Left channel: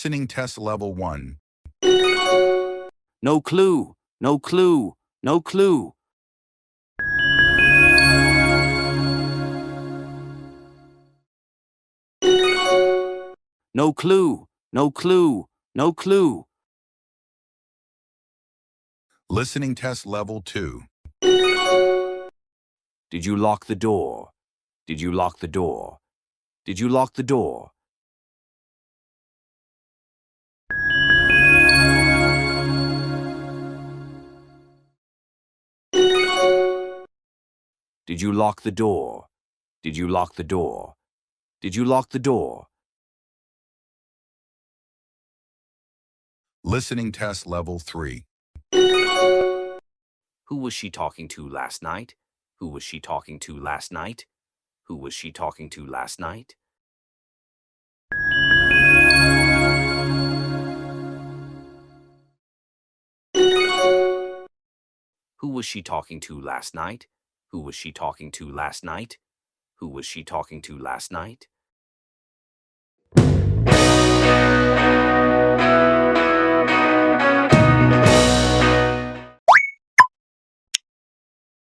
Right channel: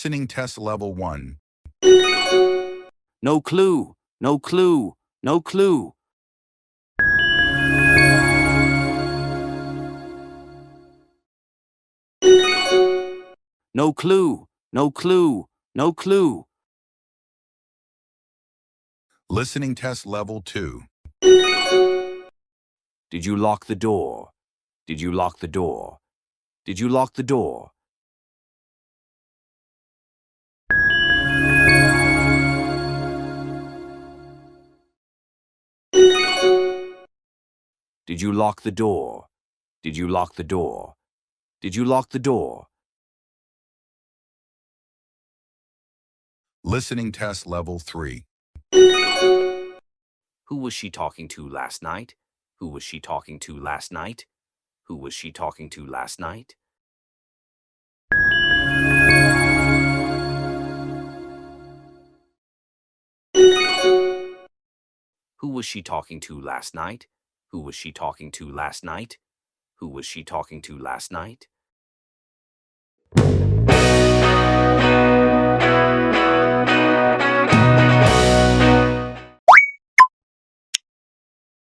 Listening test level 1. No clue, no clue, no clue. No clue, no clue, no clue. Listening test level 2. Did you lock the door? Did you lock the door? Did you lock the door? Did you lock the door? Did you lock the door? Did you lock the door? Listening test level 3. Who was she talking to last night? Who was she talking to last night? Who was she talking to last night? Who was she talking to last night? Who was she talking to last night? Who was she talking to last night?